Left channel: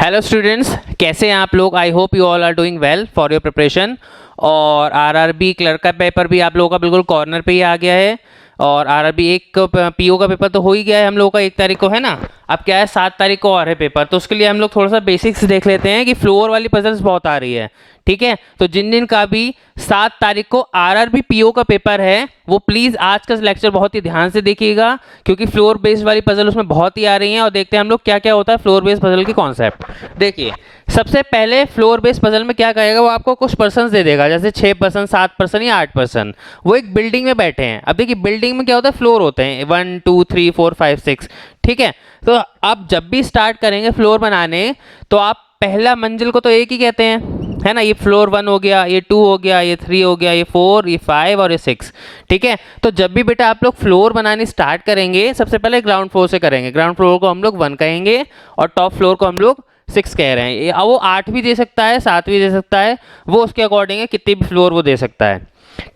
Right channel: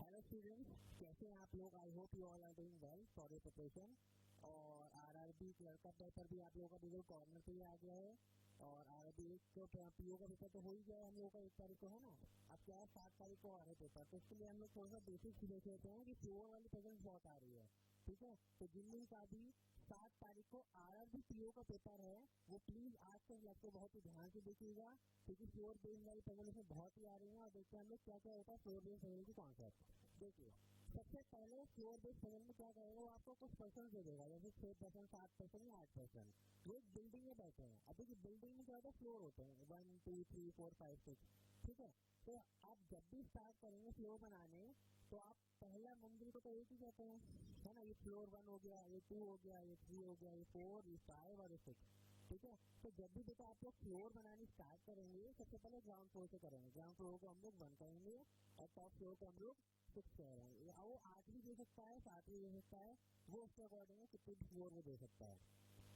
Hello students, कैसे हैं आप लोग। I hope you all are doing well for your preparation. और आरआरबी क्लर्क का पेपर भी आप लोगों का बिल्कुल कॉर्नर पे ही आ गया है। और आरआरबी एक पीओ का पेपर तो हो ही गया है हम लोगों का 1 तारीख को, है ना। अब क्या है, 7 तारीख को और है पेपर, तो उसके लिए हम लोग थोड़ा सा बेसिक्स देख लेते हैं कि फ्लोर वाली पजल्स बहुत आ रही है। ठीक है, तो जिन जिन का भी 7 तारीख को आरआरबी पीओ का पेपर है वो प्लीज़ आज का लेक्चर बहुत ही ध्यान से देखिएगा, क्योंकि फ्लोर बेस्ड वाली पजल उसमें बहुत ही आ रही हैं। और देखते हैं हम लोग क्या क्या होता है फ्लोर बेस्ड पजल की कॉन्सेप्ट। देखिए, सबसे पहले फ्लोर बेस्ड पजल में क्या करेगा, वो आपको कुछ पर्सन दे देगा, जैसे 6%, 7% या 8%। वो एक बिल्डिंग में बैठे हैं। अब देखिए, बिल्डिंग में क्या होता है, फ्लोर होते हैं 1 2 3 4 5 6। ठीक है, तो आप जब भी स्टार्ट करेंगे फ्लोर बनाने, तो आप पहला मंजिल को तो एक ही कहते हैं, है ना। ये फ्लोर 1 हो गया, ये 2 हो गया, ये 3 हो गया, ये 4, ये 5 और ये 6। ठीक है, तो जब भी बेटा आप लोग फ्लोर बनानी स्टार्ट करेंगे, सबसे पहले ग्राउंड फ्लोर से करेंगे। ग्राउंड फ्लोर को हम लोग 1 कहेंगे और टॉप फ्लोर को हम लोग 6 कह रहे हैं। वो 8 भी दे सकता है, 7 भी दे सकता है, वो उसके अकॉर्डिंग है, कितनी भी फ्लोर वो दे सकता है।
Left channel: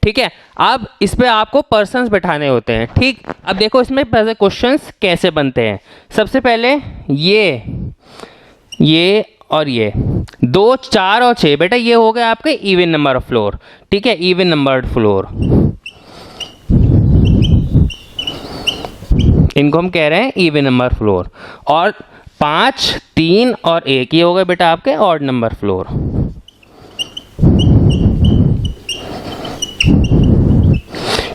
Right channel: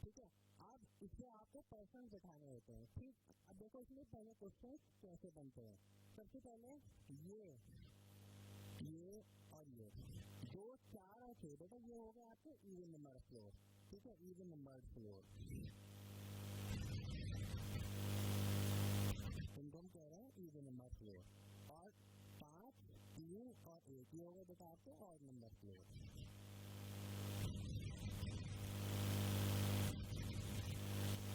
ठीक है, अब इस पे आपको पर्सन्स बैठाने होते हैं। ठीक, अब देखो इसमें क्वेश्चंस कैसे बनते हैं। सबसे पहले ये और ये 2, 4 और 6, बेटा ये हो गया आपके इवन नंबर ऑफ फ्लोर। ठीक है, इवन नंबर्ड फ्लोर, इनको हम कह रहे हैं इवन नंबर फ्लोर। और 5, 3 और 1 ये हो गए बेटा आपके ऑड नंबर फ्लोर।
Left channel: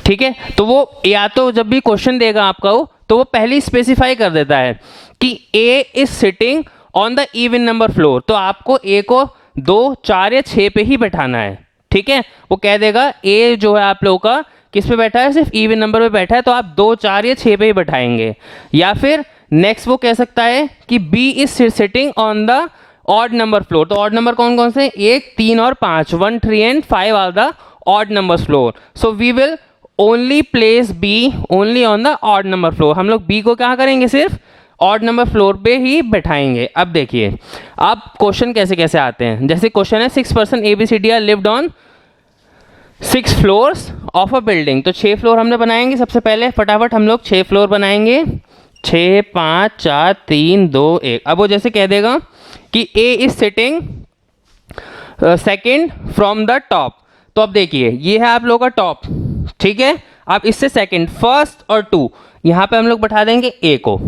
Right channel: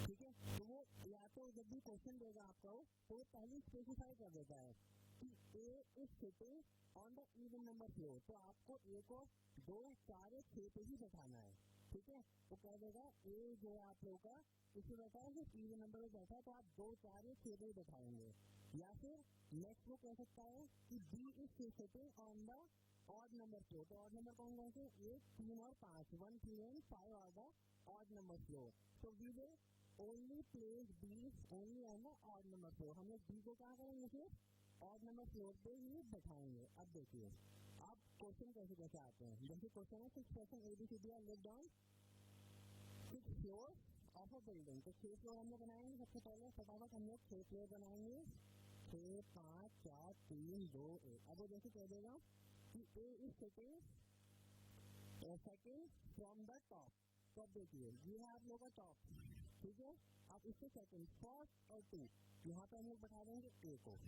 ठीक है, तो वो या तो जब भी क्वेश्चन देगा आपका वो, तो वो पहले स्पेसिफाई कर देता है कि A is sitting on the even number floor, तो आपको ए को 2, 4 या 6 पे ही बैठाना है। ठीक है, वो कह देगा ए जो है आप लोगों का किस पे बैठा है, सिर्फ इवन नंबर पे बैठा है, तो आप 2, 4 या 6 पे ही बैठाएंगे। या फिर नेक्स्ट वो कह सकता है कि B is sitting on the odd number floor, तो ऑड नंबर कौन कौन से, 1, 3 और 5, 1, 3 and 5 are the odd number floor, so we will only place B only on the odd number floor. हम लोग बी को क्या करेंगे, सिर्फ ऑड नंबर फ्लोर पे ही बैठाएंगे। अब देखिए, अब क्वेश्चन कैसे कैसे आते हैं। जैसे क्वेश्चन है 6 person ABCD are lived on 6 floors of a building, तो 6 फ्लोर हमने बनाएंगे। सबसे पहले फटाफट हम लोग 6 फ्लोर बनाएंगे। 6, 5, 4, 3, 2, 1। अब वो जैसे कह देगा कि A is sitting second from the top, तो अब देखिए ये है आप लोगों का टॉप। ठीक है, अब इससे सेकेंड, फर्स्ट और 2 यहां पे हम लोग बैठा देंगे ए को।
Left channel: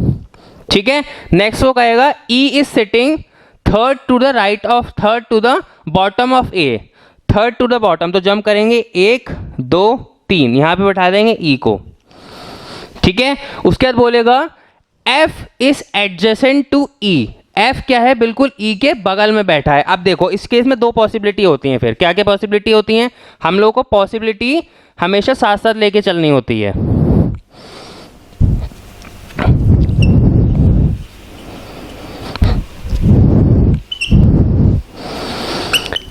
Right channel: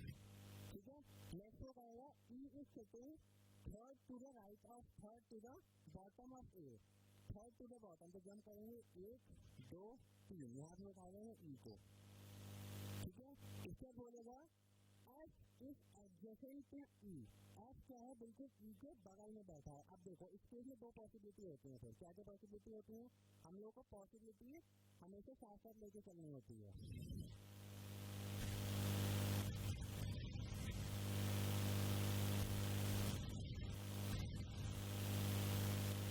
ठीक है, नेक्स्ट वो कहेगा E is sitting third to the right of, third to the bottom of A, third to the bottom, तो जंप करेंगे 1, 2, 3, यहां पे बैठा देंगे ई को। ठीक है, उसके बाद बोलेगा F is adjacent to E, F क्या है, बिल्कुल ई के बगल में बैठा है। अब देखो इस केस में 2 पॉसिबिलिटी होती हैं। फिर क्या क्या पॉसिबिलिटी होती हैं, हम लोग को पॉसिबिलिटी हमेशा साथ साथ लेके चलनी होती है।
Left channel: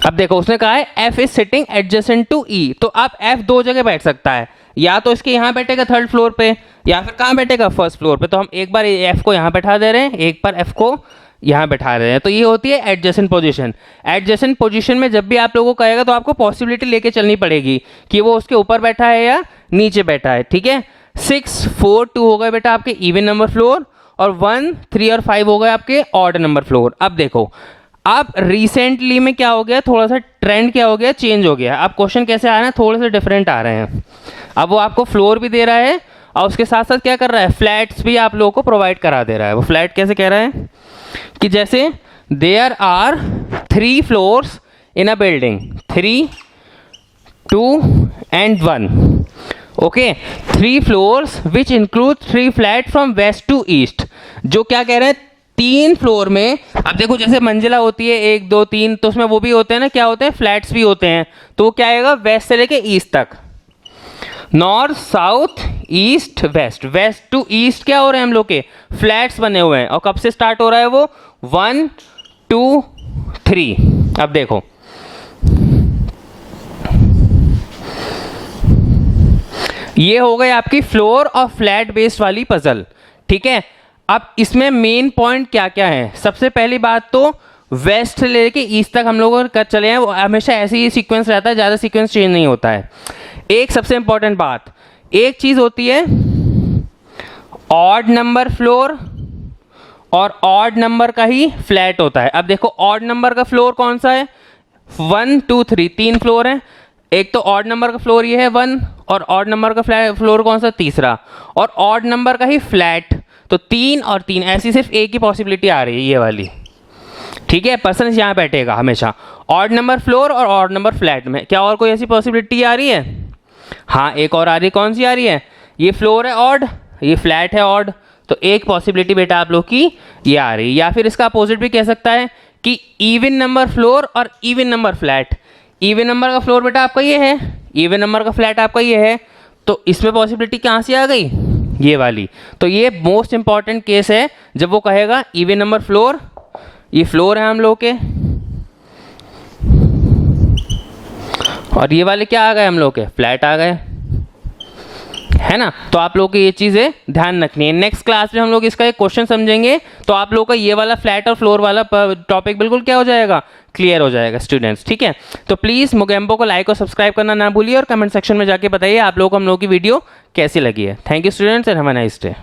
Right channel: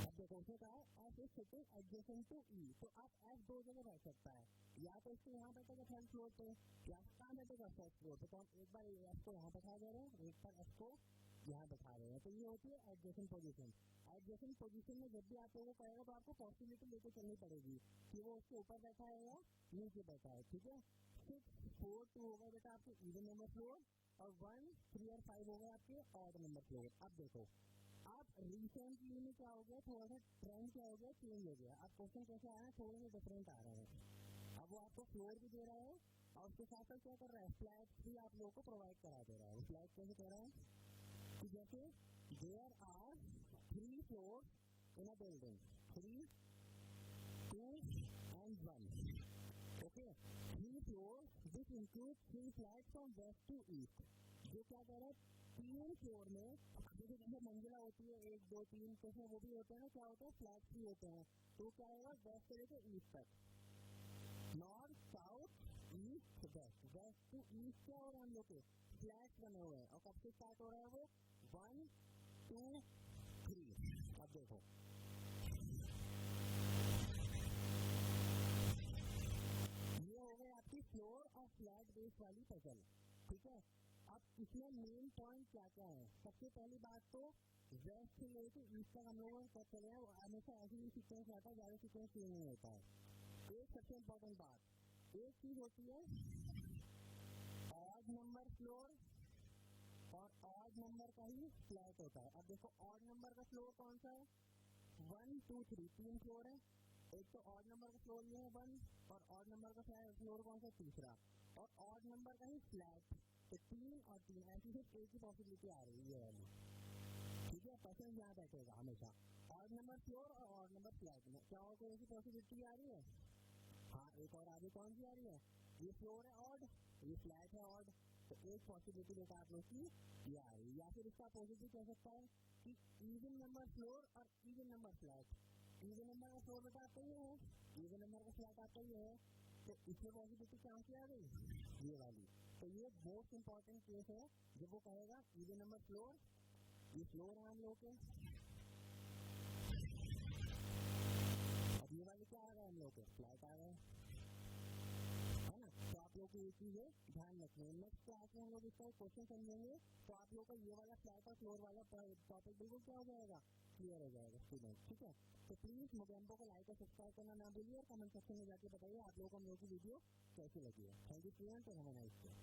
अब देखो उसने कहा है F is sitting adjacent to E, तो अब एफ 2 जगह बैठ सकता है, या तो इसके यहां बैठेगा 3rd फ्लोर पे, या फिर कहां बैठेगा 1st फ्लोर पे। तो हम एक बार एफ को यहां बैठा दे रहे हैं, एक बार एफ को यहां बैठा रहे हैं, तो ये होती है एडजेसेंट पोजीशन। एडजेसेंट पोजीशन में जब भी आप लोगों को कहेगा तो आपको पॉसिबिलिटी लेके चलनी पड़ेगी कि वो उसके ऊपर बैठा है या नीचे बैठा है। ठीक है, 6, 4, 2 हो गए बेटा आपके इवन नंबर फ्लोर, और 1, 3 और 5 हो गए आपके ऑड नंबर फ्लोर। अब देखो, अब रिसेंटली में क्या हो गया, थोड़ा सा ट्रेंड क्या हो गया, चेंज हो गया। अब क्वेश्चन कैसे आ रहे हैं, थोड़े से डिफरेंट आ रहे हैं। अब वो आपको फ्लोर भी दे रहा है और उसके साथ साथ क्या कर रहा है, फ्लैट्स भी आप लोगों को प्रोवाइड करा दे रहा है। वो फ्लैट कैसे कह रहा है कि जैसे there are 3 floors in a building, 3, 2 and 1। Okay, 3 floors which include 3 flat from west to east. जो क्या कह रहे हैं, 3 फ्लोर में, अब देखो जैसे मंजिला होती है 1, 2, 3, तो उसमें वो भी होते हैं ना, क्या होते हैं, फ्लैट्स भी होते हैं। तो वो क्या आएगा, वेस्ट से लेके ईस्ट तक, north, south, east, west. West to east क्या हो रहे हैं हम लोग के, फ्लैट्स बने हुए हैं। और कब से स्टार्ट हो रहा है वो, 1, 2, 3। अब देखो ये हो गई आपकी फ्लोर और फ्लैट बेस्ड वाली पजल। ठीक है, अब इसमें मेन पॉइंट क्या क्या है। सबसे पहली बात तो वेस्ट से लेके ईस्ट तक हम लोग कर चले हैं, वो हमेशा ऐसे ही सीक्वेंस रहता है, ज़्यादा सीक्वेंस चेंज नहीं होता है। एक सबसे इंपॉर्टेंट बात, एक चीज़ होती है ऑड नंबर फ्लोर और ऑड नंबर का ही फ्लैट होता है। अब देखो ऑड नंबर का फ्लोर कौन सा है, 1 2 3, 3 फ्लोर है। एक तो ऑड नंबर का फ्लोर ये है 1, और ऑड नंबर का फ्लोर कौन सा, तीसरा, और ऑड नंबर का ही फ्लैट। तो 3 और 3, ऐसी सिर्फ एक ही पॉसिबिलिटी आ रही है, ये वाली। ठीक है, पर्सन यहाँ बैठेगा हमेशा ऑड नंबर फ्लोर और ऑड नंबर फ्लैट में। क्या और कोई ऐसी पॉसिबिलिटी आ रही है? हाँ, एक और आ रही है। कौन सी आ रही है? ये फ्लोर है ऑड, ये फ्लैट है ऑड। तो एक पॉसिबिलिटी बेटा आप लोग की ये आ रही है। या फिर इसका अपोजिट भी कह सकता है कि इवन नंबर फ्लोर और even number flat. Even number का फ्लोर बेटा आपका ये है, इवन नंबर का फ्लैट आपका ये है। तो इसमें पॉसिबिलिटी कहाँ से आ गई, ये वाली। तो ये मोस्ट इंपॉर्टेंट केस है जब वो कहेगा इवन नंबर फ्लोर, ये फ्लोर है हम लोग के, और ये वाले क्या आ गए हम लोग के, फ्लैट आ गए, है ना। तो आप लोग को ये चीज़ें ध्यान रखनी है। नेक्स्ट क्लास में हम लोग इसका एक क्वेश्चन समझेंगे, तो आप लोग का ये वाला फ्लैट और फ्लोर वाला टॉपिक बिल्कुल क्या हो जाएगा, क्लियर हो जाएगा स्टूडेंट्स। ठीक है, तो प्लीज़ मोगेम्बो को लाइक और सब्सक्राइब करना ना भूलिए, और कमेंट सेक्शन में जाके बताइए आप लोग को हम लोग की वीडियो कैसी लगी है। Thank you students and have a nice day.